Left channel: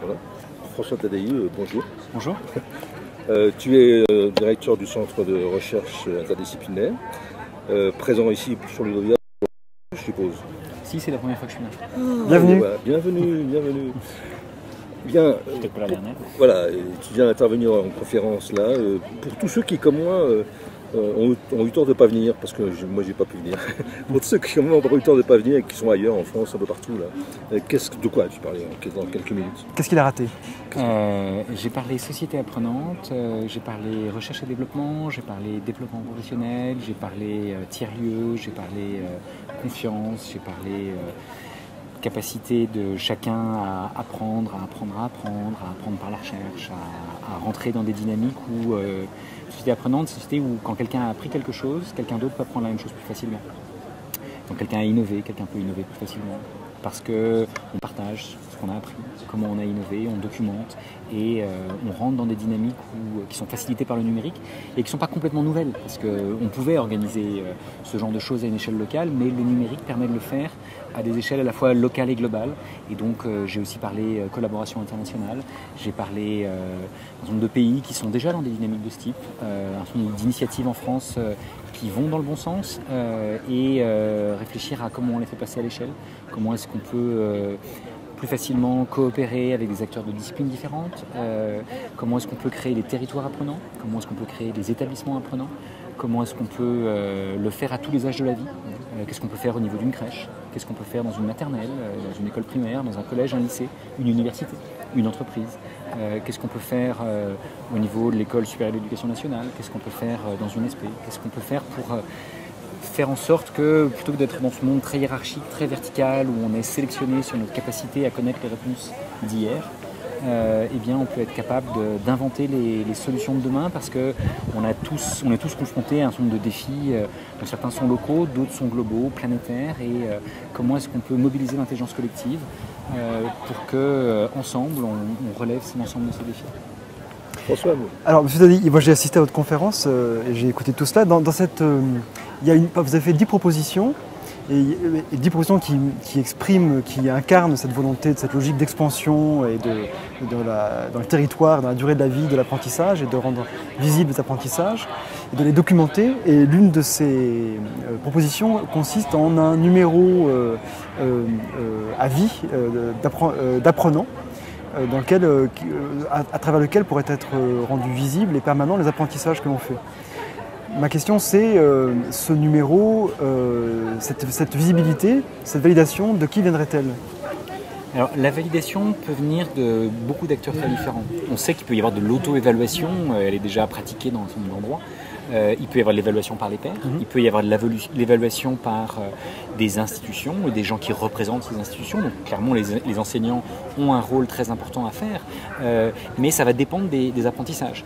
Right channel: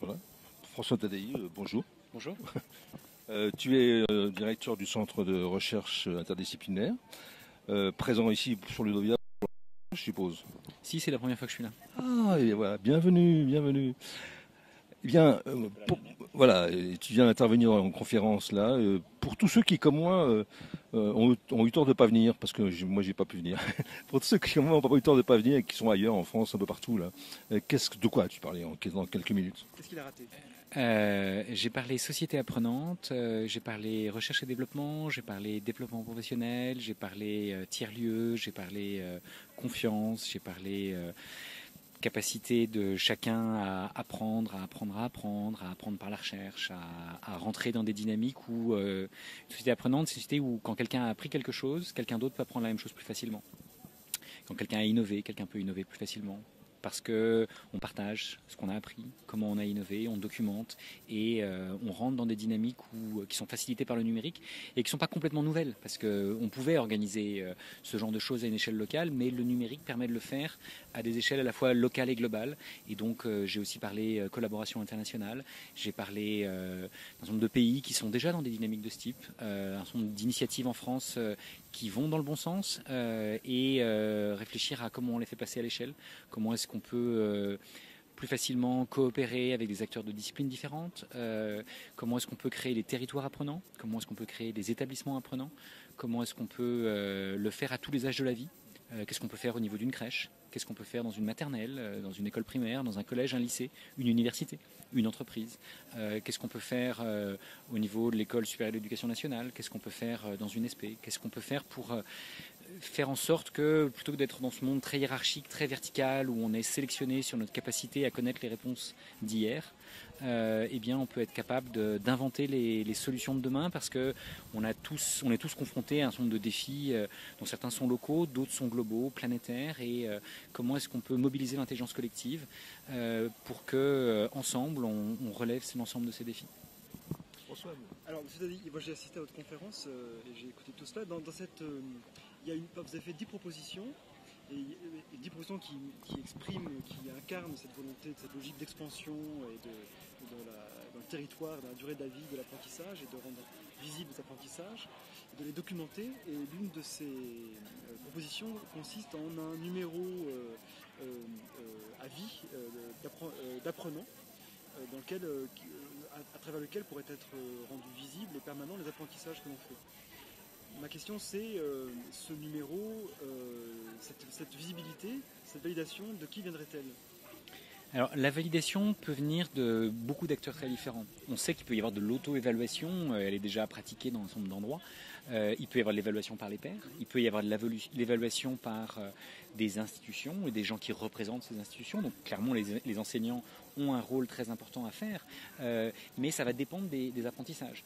Voilà. François Tadei, bonjour. Bonjour. Tu es directeur du centre de recherche interdisciplinaire, présent ici sur Ludovia, je suppose. Si, c'est la première fois que je suis là. Bienvenue. Voilà, bienvenue. Bien, Peut-être pas la dernière. voilà, tu viens d'intervenir en conférence là. Pour tous ceux qui, comme moi, ont eu tort de ne pas venir, parce que moi, j'ai pas pu venir. Pour tous ceux qui, comme moi, ont eu tort de ne pas venir et qui sont ailleurs, en France, un peu partout, là, de quoi tu parlais dans quelques minutes? Qu'est-ce qu'il a raté? J'ai parlé société apprenante, j'ai parlé recherche et développement, j'ai parlé développement professionnel, j'ai parlé tiers-lieu, j'ai parlé confiance, j'ai parlé capacité de chacun à apprendre par la recherche, à rentrer dans des dynamiques où société apprenante, c'est une société où quand quelqu'un a appris quelque chose, quelqu'un d'autre peut apprendre la même chose plus facilement. Donc quelqu'un a innové, quelqu'un peut innover plus facilement. Parce qu'on partage ce qu'on a appris, comment on a innové, on documente et on rentre dans des dynamiques qui sont facilitées par le numérique et qui ne sont pas complètement nouvelles. Parce qu'on pouvait organiser ce genre de choses à une échelle locale, mais le numérique permet de le faire à des échelles à la fois locales et globales. Et donc j'ai aussi parlé collaboration internationale, j'ai parlé d'un certain nombre de pays qui sont déjà dans des dynamiques de ce type, un certain nombre d'initiatives en France qui vont dans le bon sens et réfléchir à comment on les fait passer à l'échelle, comment est-ce qu'on peut plus facilement coopérer avec des acteurs de disciplines différentes, comment est-ce qu'on peut créer des territoires apprenants, comment est-ce qu'on peut créer des établissements apprenants, comment est-ce qu'on peut le faire à tous les âges de la vie, qu'est-ce qu'on peut faire au niveau d'une crèche, qu'est-ce qu'on peut faire dans une maternelle, dans une école primaire, dans un collège, un lycée, une université, une entreprise, qu'est-ce qu'on peut faire au niveau de l'école supérieure d'éducation nationale, qu'est-ce qu'on peut faire dans une SP, qu'est-ce qu'on peut faire pour faire en sorte que, plutôt que d'être dans ce monde très hiérarchique, très vertical, où on est sélectionné sur notre capacité à connaître les réponses d'hier, eh bien, on peut être capable d'inventer les solutions de demain parce qu'on est tous confrontés à un certain nombre de défis. Donc certains sont locaux, d'autres sont globaux, planétaires. Et comment est-ce qu'on peut mobiliser l'intelligence collective pour qu'ensemble, on relève l'ensemble de ces défis. François, Alors, M. Tadei, moi j'ai assisté à votre conférence et j'ai écouté tout cela. Dans cette, vous avez fait 10 propositions, et 10 propositions qui expriment, qui incarnent cette volonté, cette logique d'expansion et dans le territoire, dans la durée de la vie, de l'apprentissage et de rendre visibles les apprentissages et de les documenter. Et l'une de ces propositions consiste en un numéro à vie d'apprenants, à travers lequel pourraient être rendus visibles et permanents les apprentissages que l'on fait. Ma question c'est, ce numéro, cette visibilité, cette validation, de qui viendrait-elle? Alors, la validation peut venir de beaucoup d'acteurs très différents. On sait qu'il peut y avoir de l'auto-évaluation, elle est déjà pratiquée dans un certain nombre d'endroits. Il peut y avoir de l'évaluation par les pairs, il peut y avoir de l'évaluation par des institutions et des gens qui représentent ces institutions. Donc clairement, les enseignants ont un rôle très important à faire, mais ça va dépendre des apprentissages.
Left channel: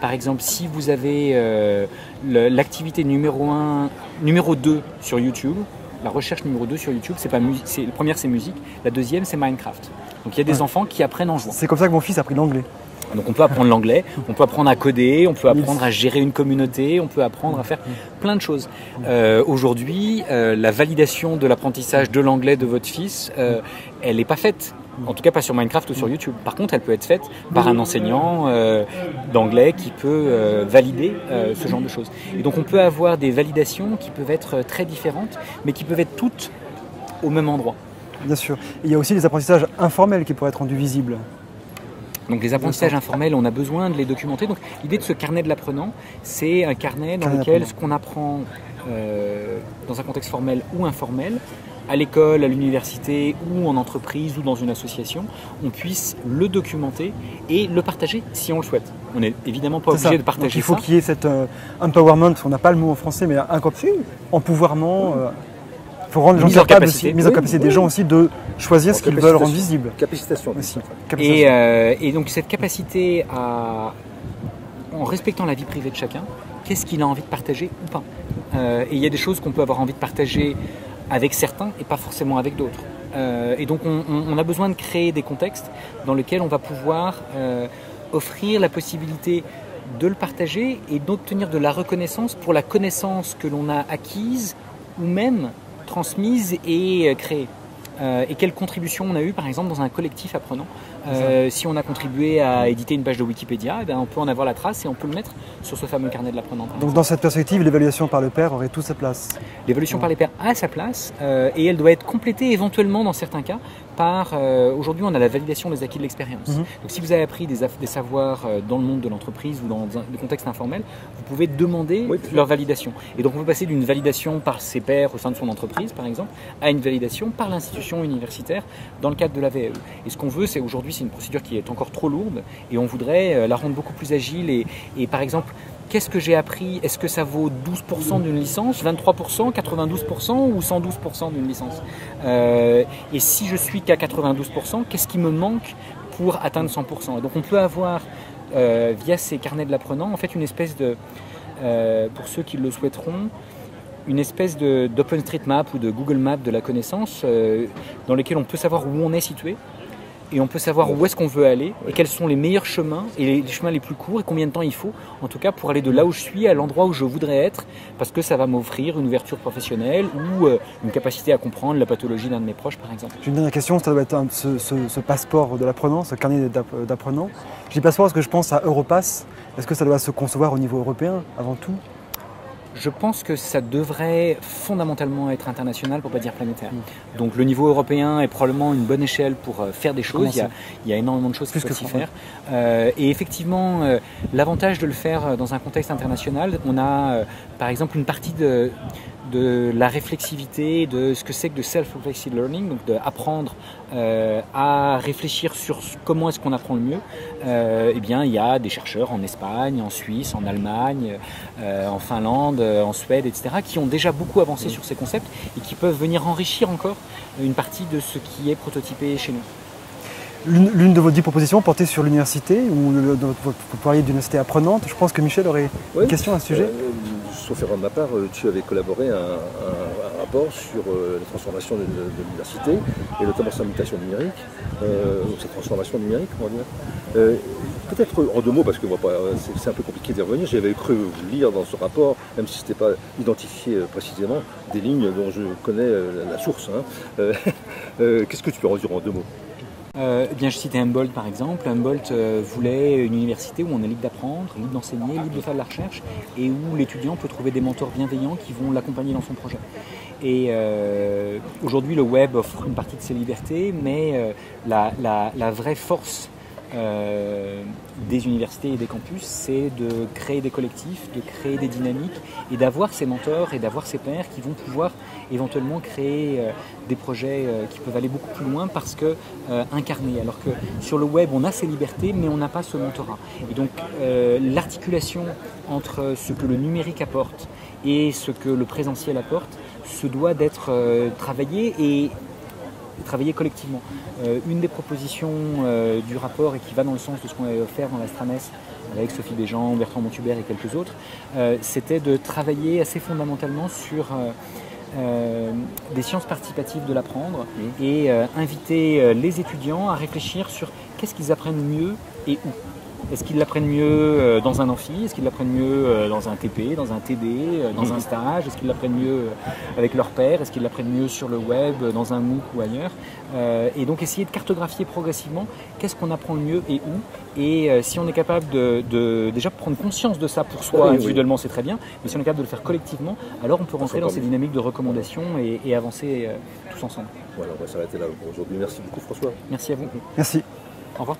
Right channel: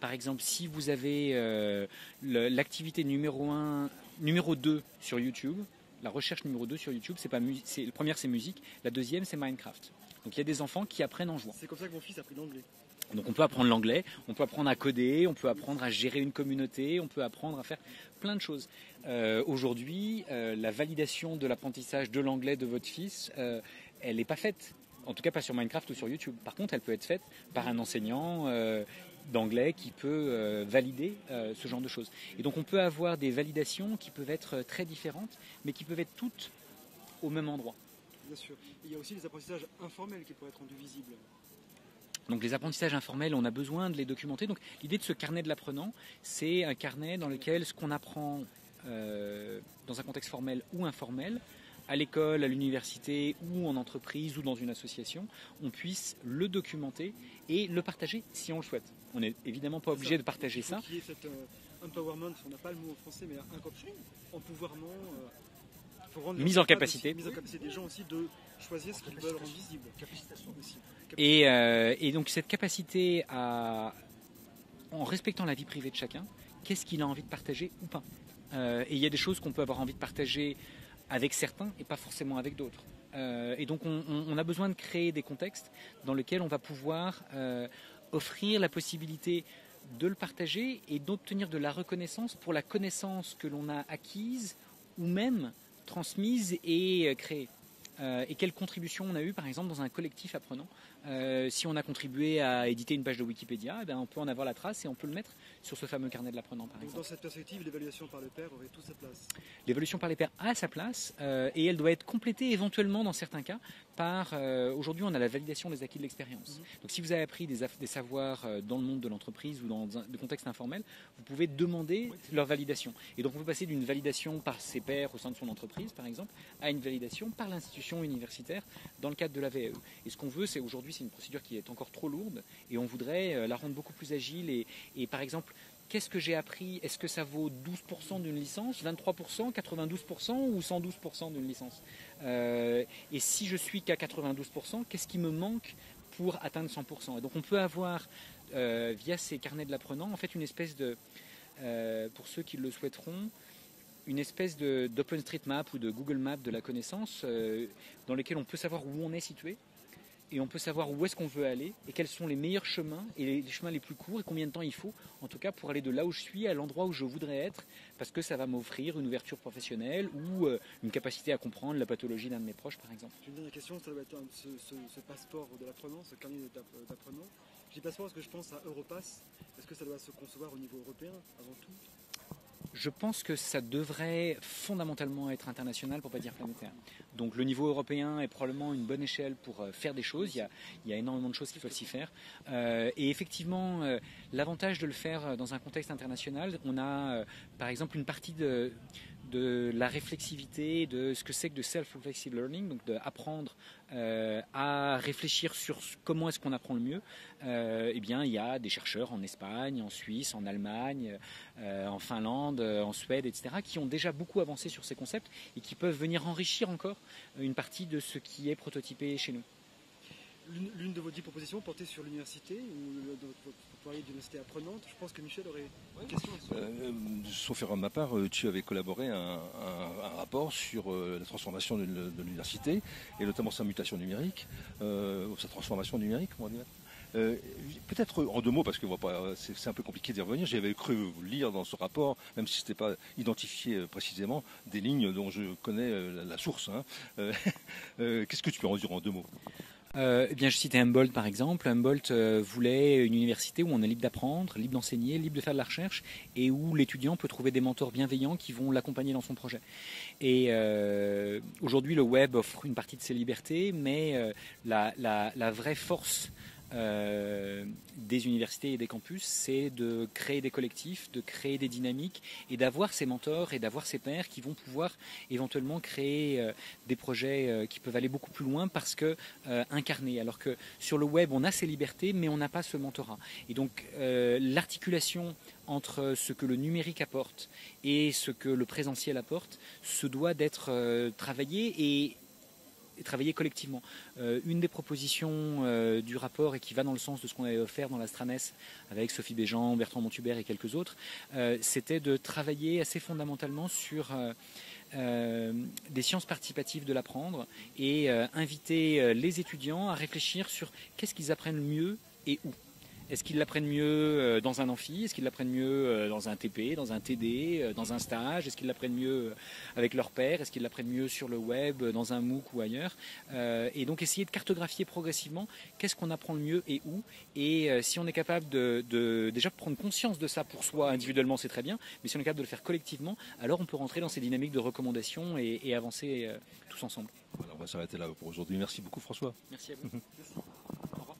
Par exemple, si vous avez l'activité numéro 2 sur YouTube, la recherche numéro 2 sur YouTube, la première c'est musique, la deuxième c'est Minecraft. Donc il y a des enfants qui apprennent en jouant. C'est comme ça que mon fils a appris l'anglais. Donc on peut apprendre l'anglais, on peut apprendre à coder, on peut apprendre à gérer une communauté, on peut apprendre à faire plein de choses. Aujourd'hui, la validation de l'apprentissage de l'anglais de votre fils, elle n'est pas faite. En tout cas pas sur Minecraft ou sur YouTube. Par contre, elle peut être faite par un enseignant d'anglais qui peut valider ce genre de choses. Et donc on peut avoir des validations qui peuvent être très différentes, mais qui peuvent être toutes au même endroit. Bien sûr. Et il y a aussi les apprentissages informels qui pourraient être rendus visibles. Donc les apprentissages informels, on a besoin de les documenter. Donc l'idée de ce carnet de l'apprenant, c'est un carnet dans lequel ce qu'on apprend dans un contexte formel ou informel, à l'école, à l'université ou en entreprise ou dans une association, on puisse le documenter et le partager si on le souhaite. On n'est évidemment pas obligé de partager ça. Il faut qu'il y ait cet empowerment, on n'a pas le mot en français, mais empouvoirment. Il faut rendre les gens capables aussi, mise en capacité des gens aussi de choisir ce qu'ils veulent rendre visible. Capacitation aussi. Et donc cette capacité en respectant la vie privée de chacun, qu'est-ce qu'il a envie de partager ou pas. Et il y a des choses qu'on peut avoir envie de partager avec certains et pas forcément avec d'autres. Et donc on a besoin de créer des contextes dans lesquels on va pouvoir offrir la possibilité de le partager et d'obtenir de la reconnaissance pour la connaissance que l'on a acquise ou même transmise et créée. et quelle contribution on a eu par exemple dans un collectif apprenant. Si on a contribué à éditer une page de Wikipédia, on peut en avoir la trace et on peut le mettre sur ce fameux carnet de l'apprenant. Donc dans cette perspective, l'évaluation par le pair aurait toute sa place. L'évaluation par les pairs a sa place et elle doit être complétée éventuellement dans certains cas par, aujourd'hui on a la validation des acquis de l'expérience. Donc si vous avez appris des savoirs dans le monde de l'entreprise ou dans le contexte informel, vous pouvez demander leur validation. Et donc on peut passer d'une validation par ses pairs au sein de son entreprise par exemple, à une validation par l'institution universitaire dans le cadre de la VAE. Et ce qu'on veut, c'est aujourd'hui, c'est une procédure qui est encore trop lourde et on voudrait la rendre beaucoup plus agile et par exemple, qu'est-ce que j'ai appris? Est-ce que ça vaut 12% d'une licence, 23%, 92% ou 112% d'une licence? Et si je suis qu'à 92%, qu'est-ce qui me manque pour atteindre 100%? Et donc on peut avoir, via ces carnets de l'apprenant, en fait une espèce de, pour ceux qui le souhaiteront, une espèce d'OpenStreetMap ou de Google Maps de la connaissance dans lesquels on peut savoir où on est situé et on peut savoir où est-ce qu'on veut aller et quels sont les meilleurs chemins et les chemins les plus courts et combien de temps il faut en tout cas pour aller de là où je suis à l'endroit où je voudrais être parce que ça va m'offrir une ouverture professionnelle ou une capacité à comprendre la pathologie d'un de mes proches par exemple. J'ai une dernière question, ça doit être ce passeport de l'apprenant, ce carnet d'apprenant. Je dis passeport parce que je pense à Europass. Est-ce que ça doit se concevoir au niveau européen avant tout? Je pense que ça devrait fondamentalement être international pour ne pas dire planétaire. Donc le niveau européen est probablement une bonne échelle pour faire des choses. Il y a énormément de choses qui peuvent s'y faire. Et effectivement, l'avantage de le faire dans un contexte international, on a par exemple une partie de la réflexivité, de ce que c'est que de self-reflexive learning, donc d'apprendre à réfléchir sur comment est-ce qu'on apprend le mieux. Eh bien, il y a des chercheurs en Espagne, en Suisse, en Allemagne, en Finlande, en Suède, etc., qui ont déjà beaucoup avancé sur ces concepts et qui peuvent venir enrichir encore une partie de ce qui est prototypé chez nous. L'une de vos 10 propositions portait sur l'université ou vous parliez d'université apprenante. Je pense que Michel aurait une question à ce sujet. Sauf erreur de ma part, tu avais collaboré à un rapport sur la transformation de l'université et notamment sa mutation numérique, sa transformation numérique, on va dire. Peut-être en deux mots, parce que c'est un peu compliqué d'y revenir, j'avais cru lire dans ce rapport, même si ce n'était pas identifié précisément, des lignes dont je connais la source. Qu'est-ce que tu peux en dire en deux mots? Bien, je citais Humboldt par exemple. Humboldt voulait une université où on est libre d'apprendre, libre d'enseigner, libre de faire de la recherche et où l'étudiant peut trouver des mentors bienveillants qui vont l'accompagner dans son projet. Et aujourd'hui, le web offre une partie de ces libertés, mais la vraie force des universités et des campus, c'est de créer des collectifs, de créer des dynamiques et d'avoir ces mentors et d'avoir ces pairs qui vont pouvoir éventuellement créer des projets qui peuvent aller beaucoup plus loin parce que incarnés. Alors que sur le web, on a ces libertés, mais on n'a pas ce mentorat. Et donc l'articulation entre ce que le numérique apporte et ce que le présentiel apporte se doit d'être travaillé et travailler collectivement. Une des propositions du rapport et qui va dans le sens de ce qu'on avait offert dans l'Astranes avec Sophie Béjean, Bertrand Montubert et quelques autres, c'était de travailler assez fondamentalement sur des sciences participatives de l'apprendre et inviter les étudiants à réfléchir sur qu'est-ce qu'ils apprennent mieux et où. Est-ce qu'ils l'apprennent mieux dans un amphi? Est-ce qu'ils l'apprennent mieux dans un TP, dans un TD, dans un stage? Est-ce qu'ils l'apprennent mieux avec leur père? Est-ce qu'ils l'apprennent mieux sur le web, dans un MOOC ou ailleurs? Et donc essayer de cartographier progressivement qu'est-ce qu'on apprend le mieux et où. Et si on est capable de déjà prendre conscience de ça pour soi individuellement, c'est très bien. Mais si on est capable de le faire collectivement, alors on peut rentrer dans ces dynamiques de recommandation et avancer tous ensemble. Voilà, on va s'arrêter là pour aujourd'hui. Merci beaucoup François. Merci à vous. Merci. Au revoir.